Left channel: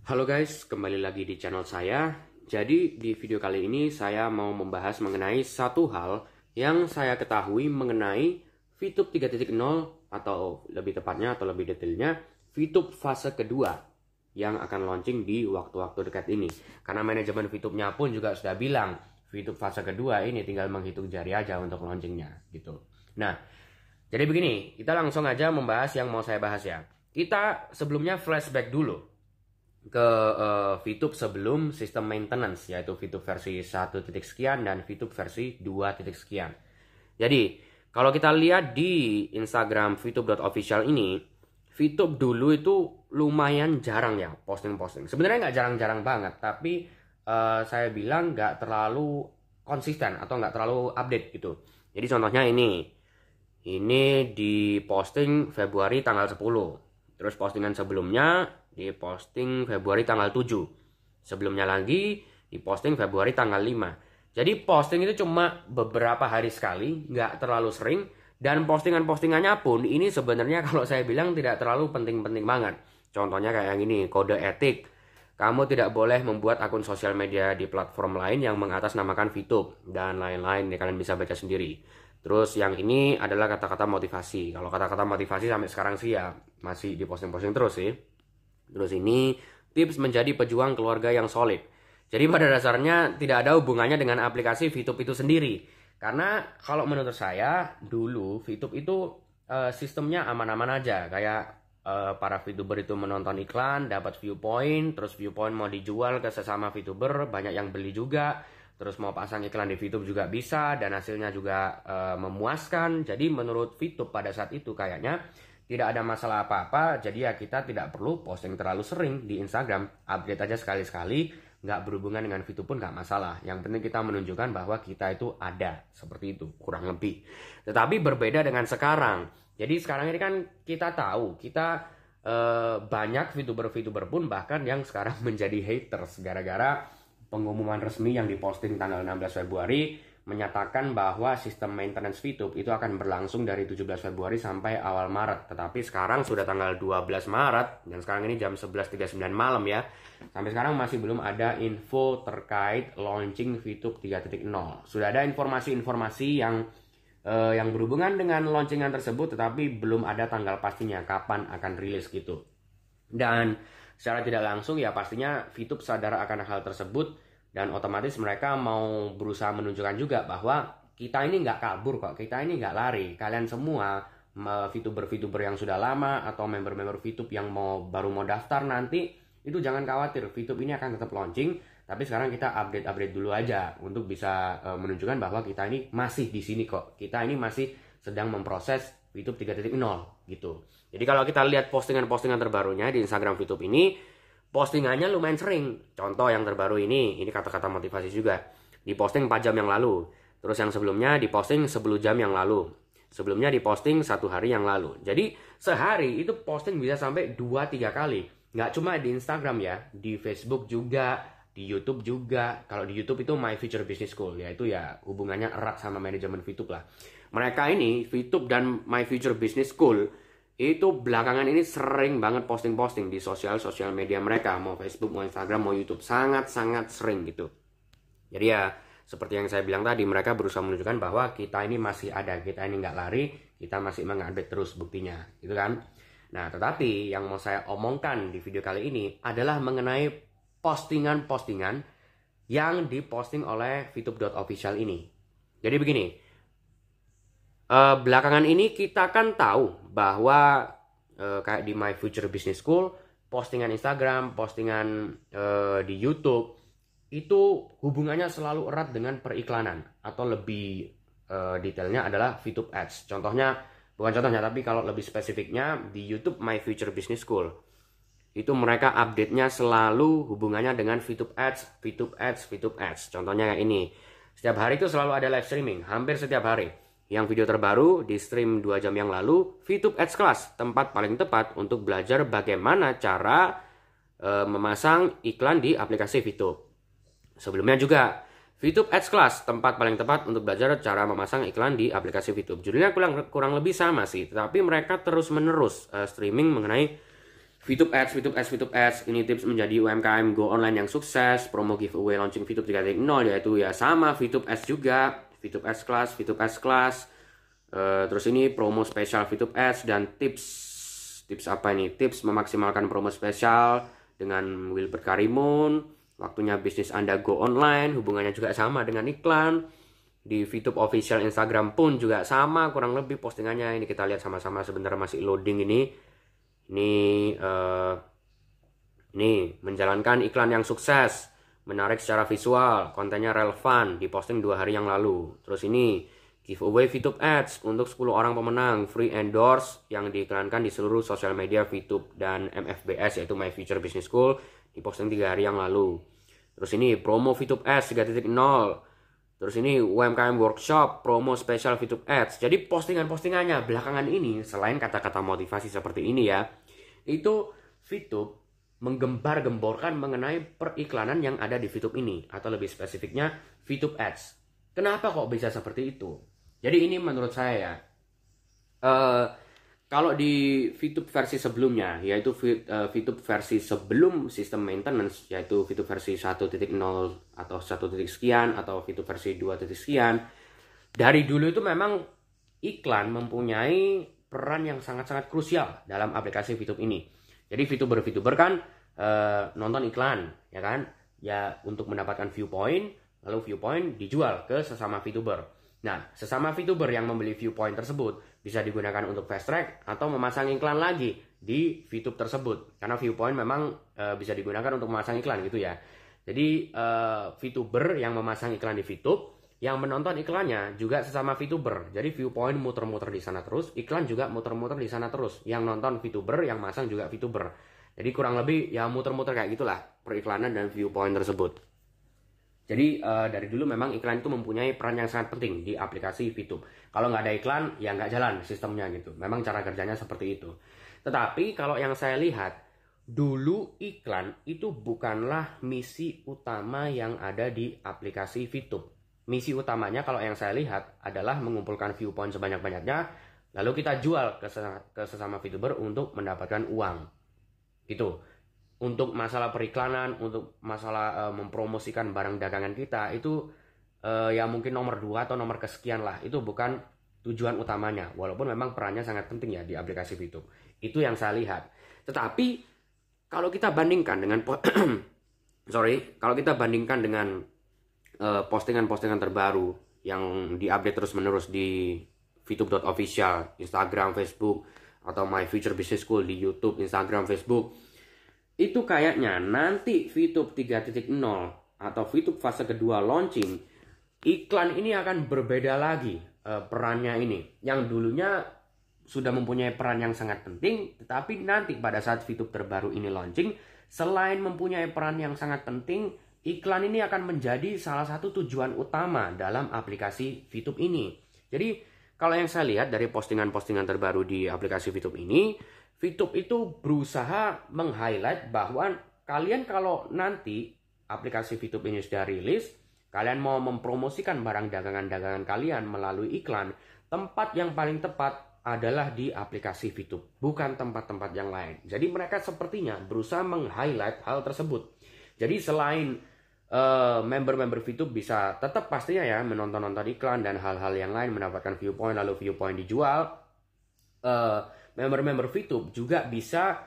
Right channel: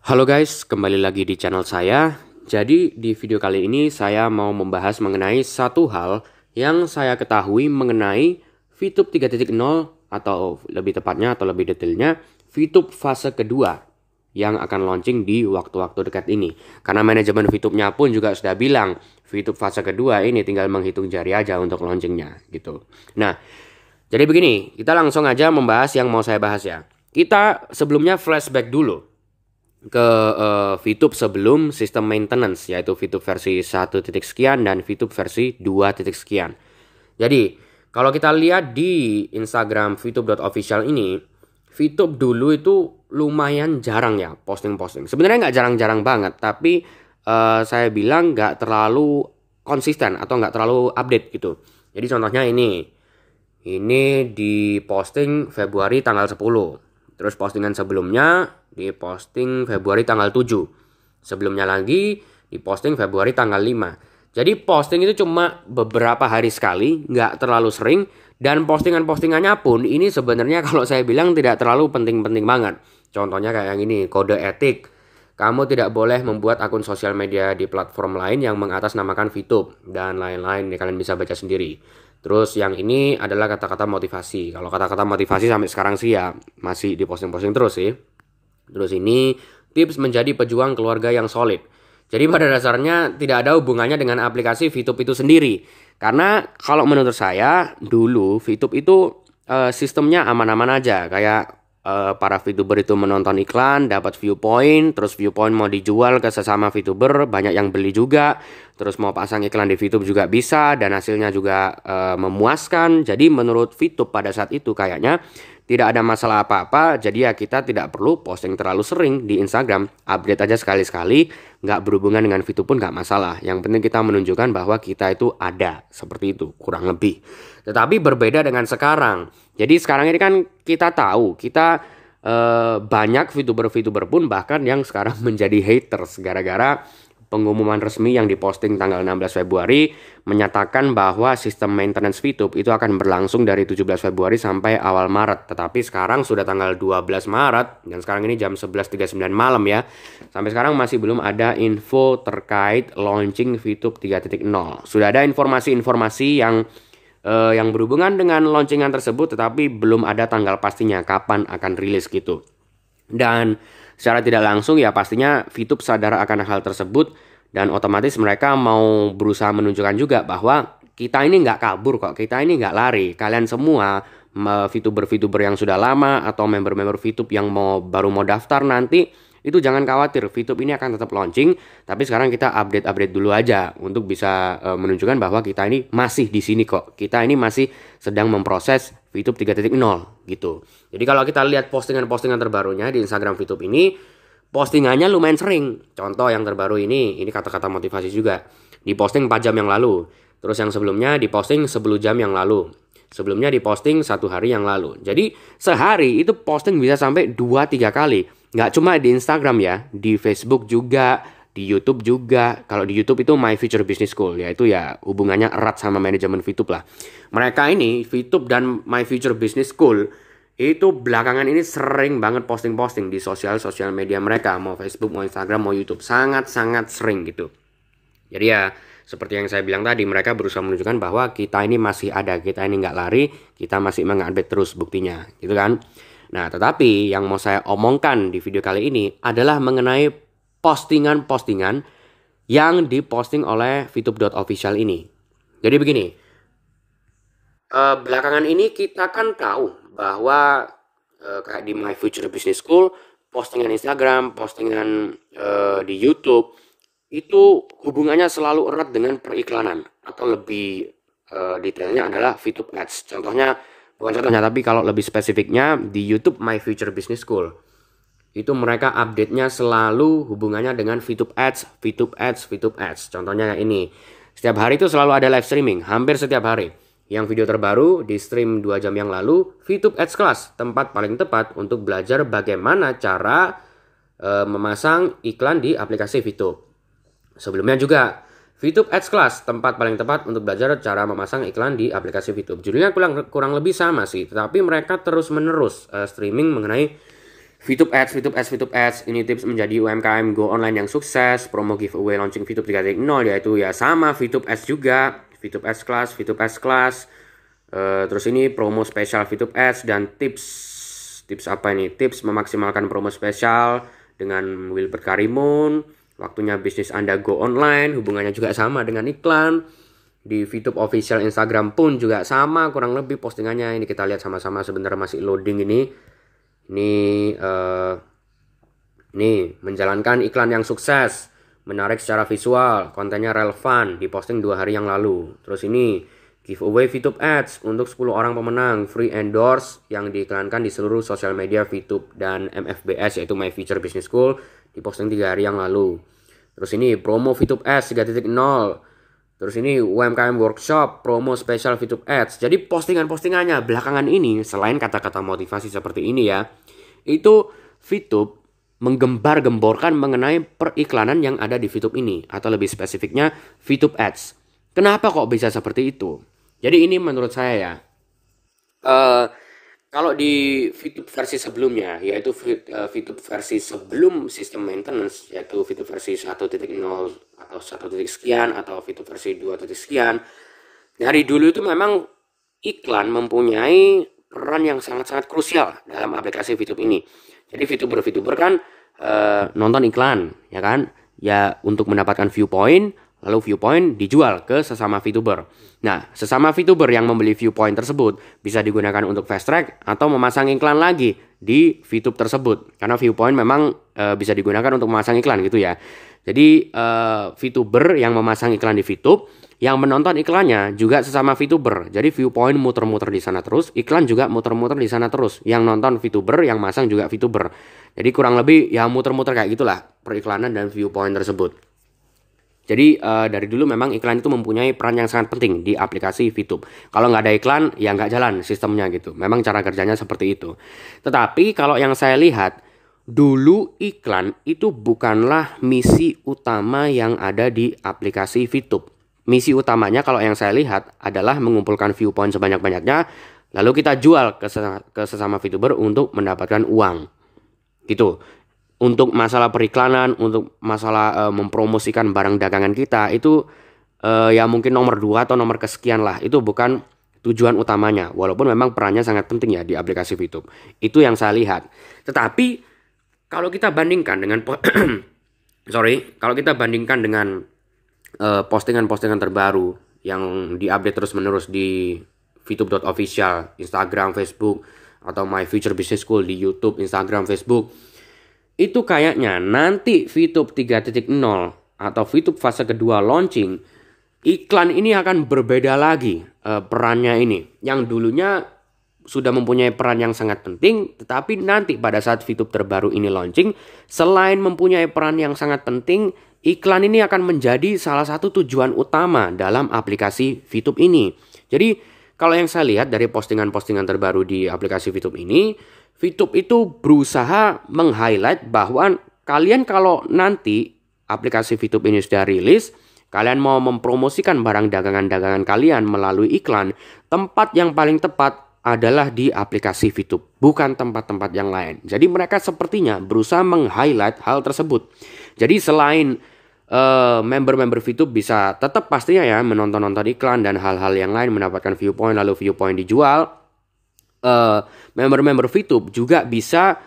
Halo guys, kembali lagi di channel saya. Jadi di video kali ini saya mau membahas mengenai satu hal yang saya ketahui mengenai VTube 3.0 atau lebih tepatnya atau lebih detailnya VTube fase kedua yang akan launching di waktu-waktu dekat ini. Karena manajemen VTube-nya pun juga sudah bilang VTube fase kedua ini tinggal menghitung jari aja untuk launchingnya gitu. Nah, jadi begini, kita langsung aja membahas yang mau saya bahas ya. Kita sebelumnya flashback dulu ke VTube sebelum sistem maintenance, yaitu VTube versi 1 titik sekian dan VTube versi 2 titik sekian. Jadi kalau kita lihat di Instagram VTube.official ini, VTube dulu itu lumayan jarang ya posting-posting. Sebenarnya nggak jarang-jarang banget, tapi saya bilang nggak terlalu konsisten atau nggak terlalu update gitu. Jadi contohnya ini di posting Februari tanggal 10. Terus postingan sebelumnya diposting Februari tanggal 7. Sebelumnya lagi diposting Februari tanggal 5. Jadi posting itu cuma beberapa hari sekali, nggak terlalu sering. Dan postingan-postingannya pun ini sebenarnya kalau saya bilang tidak terlalu penting-penting banget. Contohnya kayak yang ini, kode etik. Kamu tidak boleh membuat akun sosial media di platform lain yang mengatasnamakan VTube dan lain-lain. Kalian bisa baca sendiri. Terus yang ini adalah kata-kata motivasi. Kalau kata-kata motivasi sampai sekarang sih ya masih diposting-posting terus sih. Terus ini tips menjadi pejuang keluarga yang solid. Jadi pada dasarnya tidak ada hubungannya dengan aplikasi VTube itu sendiri. Karena kalau menurut saya dulu VTube itu sistemnya aman-aman aja. Kayak para VTuber itu menonton iklan, dapat viewpoint, terus viewpoint mau dijual ke sesama VTuber, banyak yang beli juga. Terus mau pasang iklan di VTube juga bisa dan hasilnya juga memuaskan. Jadi menurut VTube pada saat itu kayaknya tidak ada masalah apa-apa. Jadi ya kita tidak perlu posting terlalu sering di Instagram. Update aja sekali-sekali, nggak berhubungan dengan VTube pun nggak masalah. Yang penting kita menunjukkan bahwa kita itu ada. Seperti itu, kurang lebih. Tetapi berbeda dengan sekarang. Jadi sekarang ini kan kita tahu, kita banyak VTuber-VTuber pun bahkan yang sekarang menjadi haters gara-gara pengumuman resmi yang diposting tanggal 16 Februari menyatakan bahwa sistem maintenance VTube itu akan berlangsung dari 17 Februari sampai awal Maret. Tetapi sekarang sudah tanggal 12 Maret dan sekarang ini jam 11.39 malam ya. Sampai sekarang masih belum ada info terkait launching VTube 3.0. Sudah ada informasi-informasi yang berhubungan dengan launcingan tersebut tetapi belum ada tanggal pastinya kapan akan rilis gitu. Dan secara tidak langsung ya pastinya VTube sadar akan hal tersebut dan otomatis mereka mau berusaha menunjukkan juga bahwa kita ini nggak kabur kok, kita ini nggak lari. Kalian semua VTuber-VTuber yang sudah lama atau member-member VTube yang baru mau daftar nanti itu jangan khawatir, VTube ini akan tetap launching, tapi sekarang kita update-update dulu aja untuk bisa menunjukkan bahwa kita ini masih di sini kok. Kita ini masih sedang memproses VTube 3.0 gitu. Jadi kalau kita lihat postingan-postingan terbarunya di Instagram VTube ini, postingannya lumayan sering. Contoh yang terbaru ini kata-kata motivasi juga. Diposting 4 jam yang lalu. Terus yang sebelumnya diposting 10 jam yang lalu. Sebelumnya diposting 1 hari yang lalu. Jadi sehari itu posting bisa sampai 2-3 kali. Nggak cuma di Instagram ya, di Facebook juga, di YouTube juga. Kalau di YouTube itu My Future Business School, yaitu ya hubungannya erat sama manajemen VTube lah. Mereka ini, VTube dan My Future Business School, itu belakangan ini sering banget posting-posting di sosial media mereka. Mau Facebook, mau Instagram, mau YouTube. Sangat-sangat sering gitu. Jadi ya, seperti yang saya bilang tadi, mereka berusaha menunjukkan bahwa kita ini masih ada, kita ini nggak lari, kita masih mengupdate terus buktinya, gitu kan. Nah, tetapi yang mau saya omongkan di video kali ini adalah mengenai postingan-postingan yang diposting oleh VTube.official ini. Jadi begini, belakangan ini kita kan tahu bahwa kayak di My Future Business School, postingan Instagram, postingan di YouTube, itu hubungannya selalu erat dengan periklanan. Atau lebih detailnya adalah VTube Ads. Bukan contohnya, tapi kalau lebih spesifiknya di YouTube My Future Business School. Itu mereka update-nya selalu hubungannya dengan VTube Ads, VTube Ads, VTube Ads. Contohnya kayak ini. Setiap hari itu selalu ada live streaming, hampir setiap hari. Yang video terbaru di stream 2 jam yang lalu, VTube Ads Class, tempat paling tepat untuk belajar bagaimana cara memasang iklan di aplikasi VTube. Sebelumnya juga VTube Ads Class, tempat paling tepat untuk belajar cara memasang iklan di aplikasi VTube. Judulnya kurang lebih sama sih, tetapi mereka terus-menerus streaming mengenai VTube Ads. Ini tips menjadi UMKM Go Online yang sukses. Promo giveaway launching VTube 3.0 yaitu ya sama VTube Ads juga. VTube Ads Class. Terus ini promo spesial VTube Ads dan tips apa ini? Tips memaksimalkan promo spesial dengan Wilbert Karimun. Waktunya bisnis Anda Go Online. Hubungannya juga sama dengan iklan. Di VTube official Instagram pun juga sama kurang lebih postingannya. Ini kita lihat sama-sama, sebentar masih loading ini. Ini menjalankan iklan yang sukses, menarik secara visual, kontennya relevan, diposting 2 hari yang lalu. Terus ini giveaway VTube Ads untuk 10 orang pemenang, free endorse yang diiklankan di seluruh sosial media VTube dan MFBS yaitu My Future Business School, diposting 3 hari yang lalu. Terus ini promo VTube Ads 3.0. Terus ini UMKM Workshop, promo spesial VTube Ads. Jadi postingan-postingannya belakangan ini, selain kata-kata motivasi seperti ini ya, itu VTube menggembar-gemborkan mengenai periklanan yang ada di VTube ini. Atau lebih spesifiknya VTube Ads. Kenapa kok bisa seperti itu? Jadi ini menurut saya ya, kalau di VTube versi sebelumnya, yaitu VTube versi sebelum sistem maintenance, yaitu VTube versi 1.0 atau 1 sekian, atau VTube versi 2 sekian, dari dulu itu memang iklan mempunyai peran yang sangat-sangat krusial dalam aplikasi VTube ini. Jadi VTuber kan nonton iklan, ya kan? Ya untuk mendapatkan viewpoint, lalu viewpoint dijual ke sesama VTuber. Nah, sesama VTuber yang membeli viewpoint tersebut bisa digunakan untuk fast track atau memasang iklan lagi di VTube tersebut. Karena viewpoint memang bisa digunakan untuk memasang iklan gitu ya. Jadi VTuber yang memasang iklan di VTube, yang menonton iklannya juga sesama VTuber. Jadi viewpoint muter-muter di sana terus, iklan juga muter-muter di sana terus. Yang nonton VTuber, yang masang juga VTuber. Jadi kurang lebih ya muter-muter kayak gitulah periklanan dan viewpoint tersebut. Jadi dari dulu memang iklan itu mempunyai peran yang sangat penting di aplikasi VTube. Kalau nggak ada iklan, ya nggak jalan sistemnya gitu. Memang cara kerjanya seperti itu. Tetapi kalau yang saya lihat, dulu iklan itu bukanlah misi utama yang ada di aplikasi VTube. Misi utamanya kalau yang saya lihat adalah mengumpulkan viewpoint sebanyak-banyaknya, lalu kita jual ke sesama VTuber untuk mendapatkan uang. Gitu. Untuk masalah periklanan, untuk masalah mempromosikan barang dagangan kita, itu ya mungkin nomor 2 atau nomor kesekian lah. Itu bukan tujuan utamanya. Walaupun memang perannya sangat penting ya di aplikasi VTube. Itu yang saya lihat. Tetapi kalau kita bandingkan dengan kalau kita bandingkan dengan postingan-postingan terbaru yang diupdate terus-menerus di VTube.official, Instagram, Facebook, atau My Future Business School di YouTube, Instagram, Facebook, itu kayaknya nanti VTube 3.0 atau VTube fase kedua launching, iklan ini akan berbeda lagi perannya ini. Yang dulunya sudah mempunyai peran yang sangat penting, tetapi nanti pada saat VTube terbaru ini launching, selain mempunyai peran yang sangat penting, iklan ini akan menjadi salah satu tujuan utama dalam aplikasi VTube ini. Jadi kalau yang saya lihat dari postingan-postingan terbaru di aplikasi VTube ini, VTube itu berusaha meng-highlight bahwa kalian kalau nanti aplikasi VTube ini sudah rilis, kalian mau mempromosikan barang dagangan-dagangan kalian melalui iklan, tempat yang paling tepat adalah di aplikasi VTube, bukan tempat-tempat yang lain. Jadi mereka sepertinya berusaha meng-highlight hal tersebut. Jadi selain member-member VTube bisa tetap pastinya ya menonton-nonton iklan dan hal-hal yang lain, mendapatkan viewpoint, lalu viewpoint dijual, member-member VTube juga bisa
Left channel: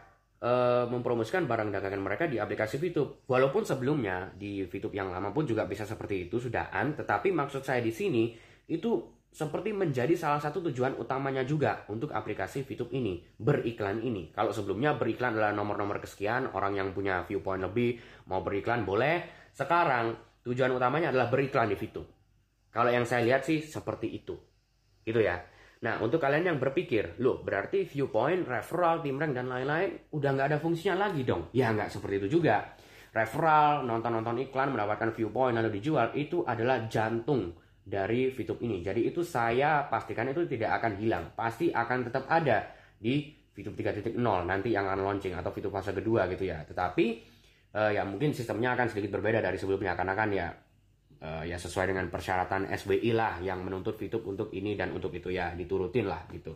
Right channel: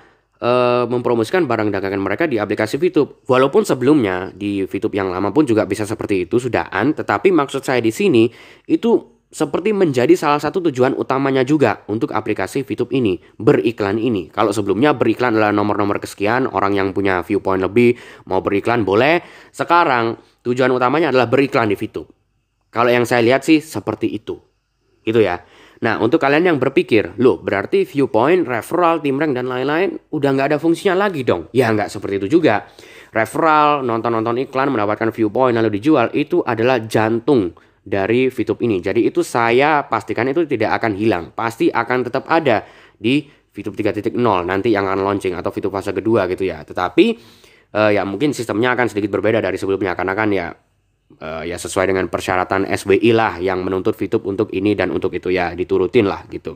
mempromosikan barang dagangan mereka di aplikasi VTube. Walaupun sebelumnya di VTube yang lama pun juga bisa seperti itu sudahan, tetapi maksud saya di sini itu seperti menjadi salah satu tujuan utamanya juga untuk aplikasi VTube ini, beriklan ini. Kalau sebelumnya beriklan adalah nomor-nomor kesekian, orang yang punya viewpoint lebih mau beriklan boleh. Sekarang tujuan utamanya adalah beriklan di VTube. Kalau yang saya lihat sih seperti itu. Gitu ya. Nah, untuk kalian yang berpikir, loh berarti viewpoint, referral, tim rank, dan lain-lain udah nggak ada fungsinya lagi dong. Ya nggak seperti itu juga. Referral, nonton-nonton iklan, mendapatkan viewpoint, lalu dijual, itu adalah jantung dari VTube ini. Jadi itu saya pastikan itu tidak akan hilang. Pasti akan tetap ada di VTube 3.0 nanti yang akan launching atau VTube fase kedua gitu ya. Tetapi ya mungkin sistemnya akan sedikit berbeda dari sebelumnya karena kan ya sesuai dengan persyaratan SBI lah yang menuntut VTube untuk ini dan untuk itu ya diturutin lah gitu.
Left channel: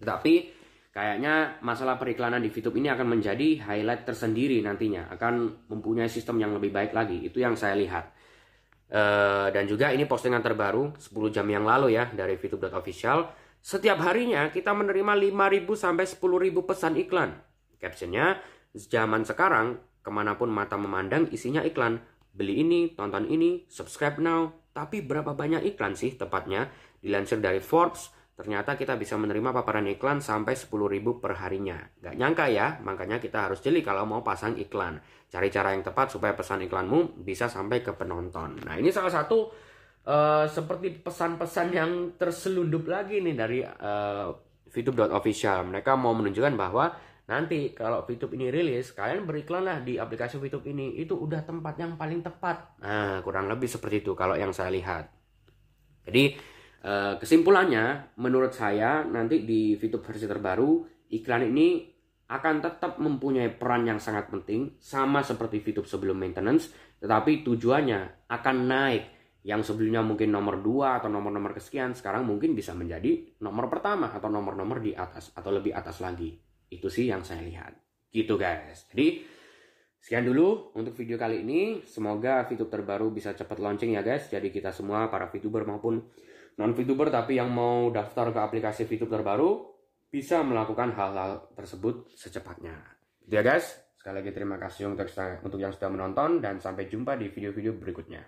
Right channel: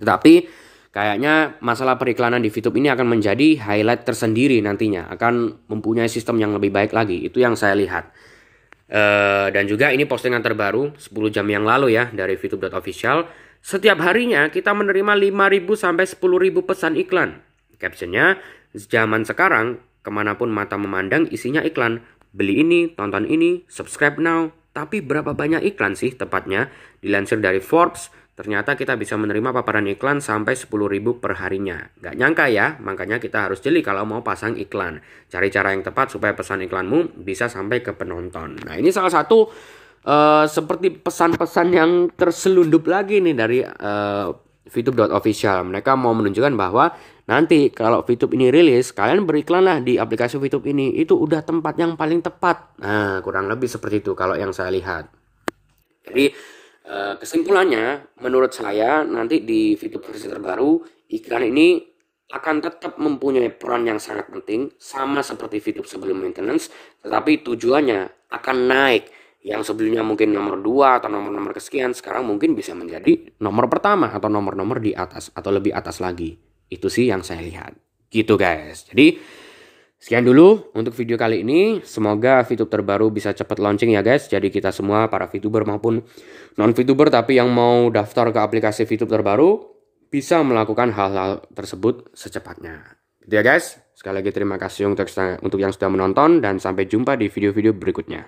Tetapi kayaknya masalah periklanan di VTube ini akan menjadi highlight tersendiri nantinya, akan mempunyai sistem yang lebih baik lagi. Itu yang saya lihat. Dan juga ini postingan terbaru 10 jam yang lalu ya dari VTube.official. Setiap harinya kita menerima 5.000 sampai 10.000 pesan iklan. Captionnya, zaman sekarang kemanapun mata memandang isinya iklan. Beli ini, tonton ini, subscribe now. Tapi berapa banyak iklan sih tepatnya? Dilansir dari Forbes, ternyata kita bisa menerima paparan iklan sampai 10.000 per harinya. Gak nyangka ya, makanya kita harus jeli kalau mau pasang iklan. Cari cara yang tepat supaya pesan iklanmu bisa sampai ke penonton. Nah, ini salah satu seperti pesan-pesan yang terselundup lagi nih dari VTube.official. Mereka mau menunjukkan bahwa nanti kalau VTube ini rilis, kalian beriklanlah di aplikasi VTube ini. Itu udah tempat yang paling tepat. Nah, kurang lebih seperti itu kalau yang saya lihat. Jadi kesimpulannya, menurut saya nanti di VTube versi terbaru, iklan ini akan tetap mempunyai peran yang sangat penting, sama seperti VTube sebelum maintenance, tetapi tujuannya akan naik. Yang sebelumnya mungkin nomor 2 atau nomor-nomor kesekian, sekarang mungkin bisa menjadi nomor pertama atau nomor-nomor di atas atau lebih atas lagi. Itu sih yang saya lihat. Gitu guys. Jadi sekian dulu untuk video kali ini. Semoga VTube terbaru bisa cepat launching ya guys. Jadi kita semua para VTuber maupun non-VTuber tapi yang mau daftar ke aplikasi VTube terbaru bisa melakukan hal-hal tersebut secepatnya. Gitu ya guys. Sekali lagi terima kasih untuk yang sudah menonton dan sampai jumpa di video-video berikutnya.